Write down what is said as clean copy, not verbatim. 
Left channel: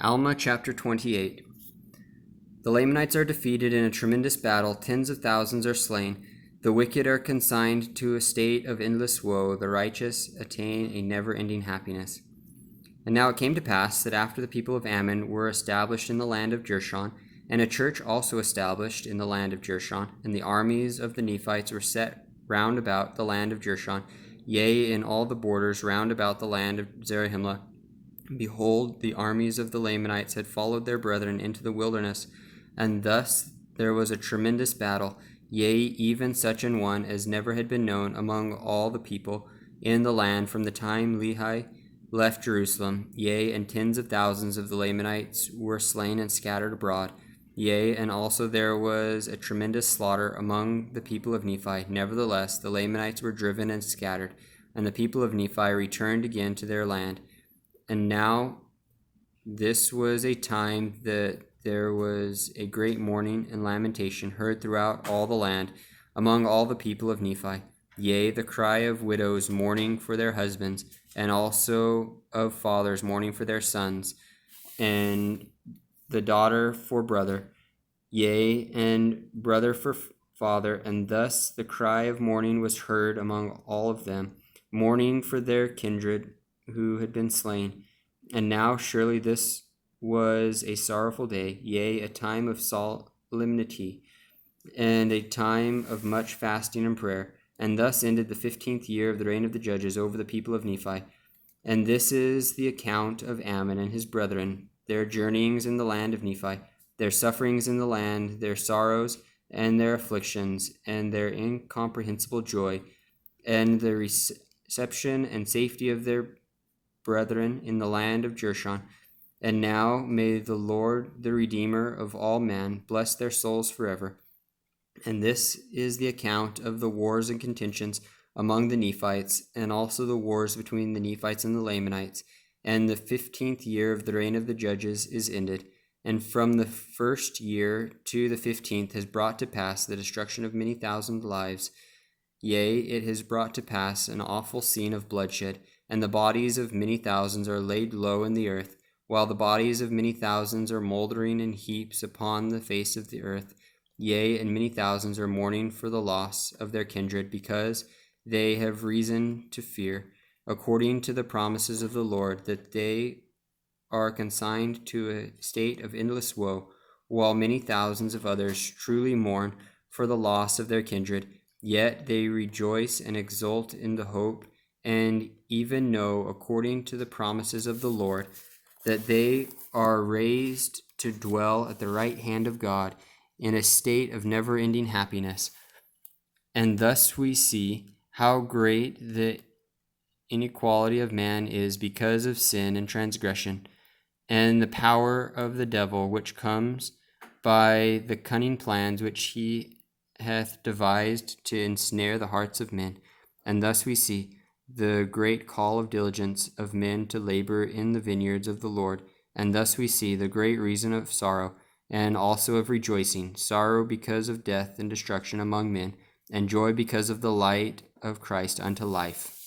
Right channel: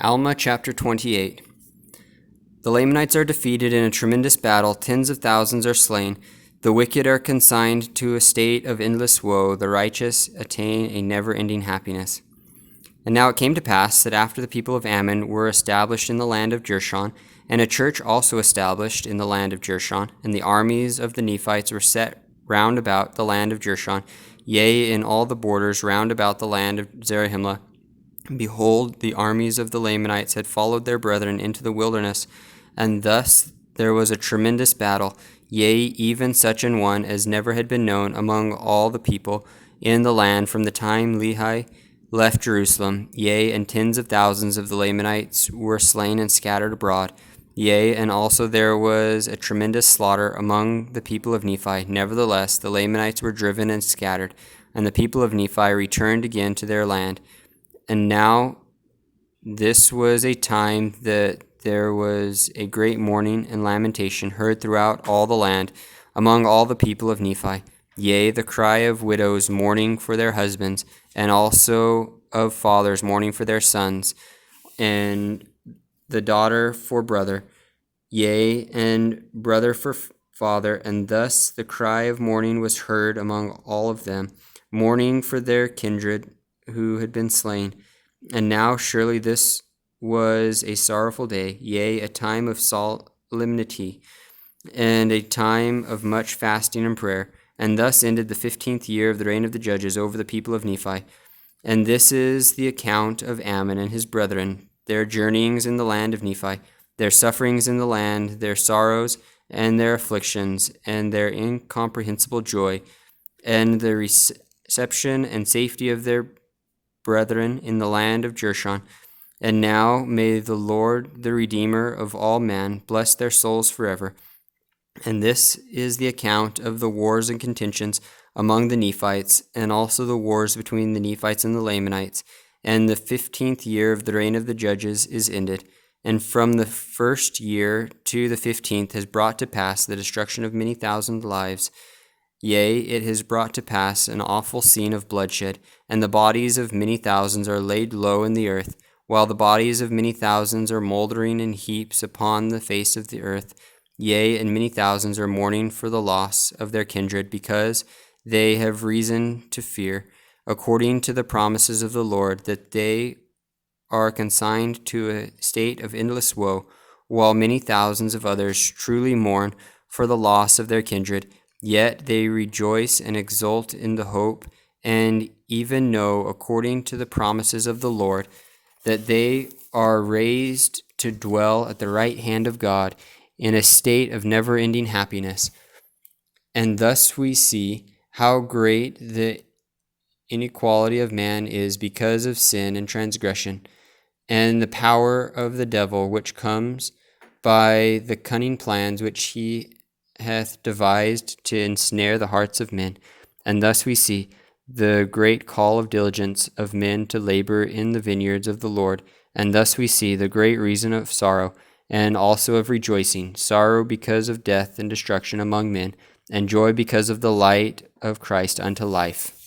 Alma chapter 28. The Lamanites are defeated in a tremendous battle. Tens of thousands are slain. The wicked are consigned to a state of endless woe. The righteous attain a never-ending happiness. And now it came to pass that after the people of Ammon were established in the land of Jershon, and a church also established in the land of Jershon, and the armies of the Nephites were set round about the land of Jershon, yea, in all the borders round about the land of Zarahemla. Behold, the armies of the Lamanites had followed their brethren into the wilderness, and thus there was a tremendous battle, yea, even such an one as never had been known among all the people in the land from the time Lehi left Jerusalem. Yea, and tens of thousands of the Lamanites were slain and scattered abroad. Yea, and also there was a tremendous slaughter among the people of Nephi. Nevertheless, the Lamanites were driven and scattered, and the people of Nephi returned again to their land. And now this was a time that there was a great mourning and lamentation heard throughout all the land among all the people of Nephi. Yea, the cry of widows mourning for their husbands, and also of fathers mourning for their sons, and the daughter for brother, yea, and brother for father. And thus the cry of mourning was heard among all of them, mourning for their kindred who had been slain. And now surely this was a sorrowful day, yea, a time of solemnity, and a time of much fasting and prayer. And thus ended the 15th year of the reign of the judges over the people of Nephi. And this is the account of Ammon and his brethren, their journeyings in the land of Nephi, their sufferings in the land, their sorrows and their afflictions, and their incomprehensible joy, and the reception and safety of their brethren in the land of Jershon. And now may the Lord, the Redeemer of all men, bless their souls forever. And this is the account of the wars and contentions among the Nephites, and also the wars between the Nephites and the Lamanites. And the 15th year of the reign of the judges is ended. And from the first year to the 15th has brought to pass the destruction of many thousand lives. Yea, it has brought to pass an awful scene of bloodshed, and the bodies of many thousands are laid low in the earth, while the bodies of many thousands are moldering in heaps upon the face of the earth. Yea, and many thousands are mourning for the loss of their kindred, because they have reason to fear, according to the promises of the Lord, that they are consigned to a state of endless woe, while many thousands of others truly mourn for the loss of their kindred. Yet they rejoice and exult in the hope, and even know, according to the promises of the Lord, that they are raised to dwell at the right hand of God in a state of never-ending happiness. And thus we see how great the inequality of man is because of sin and transgression, and the power of the devil, which comes by the cunning plans which he hath devised to ensnare the hearts of men. And thus we see the great call of diligence of men to labor in the vineyards of the Lord. And thus we see the great reason of sorrow, and also of rejoicing: sorrow because of death and destruction among men, and joy because of the light of Christ unto life.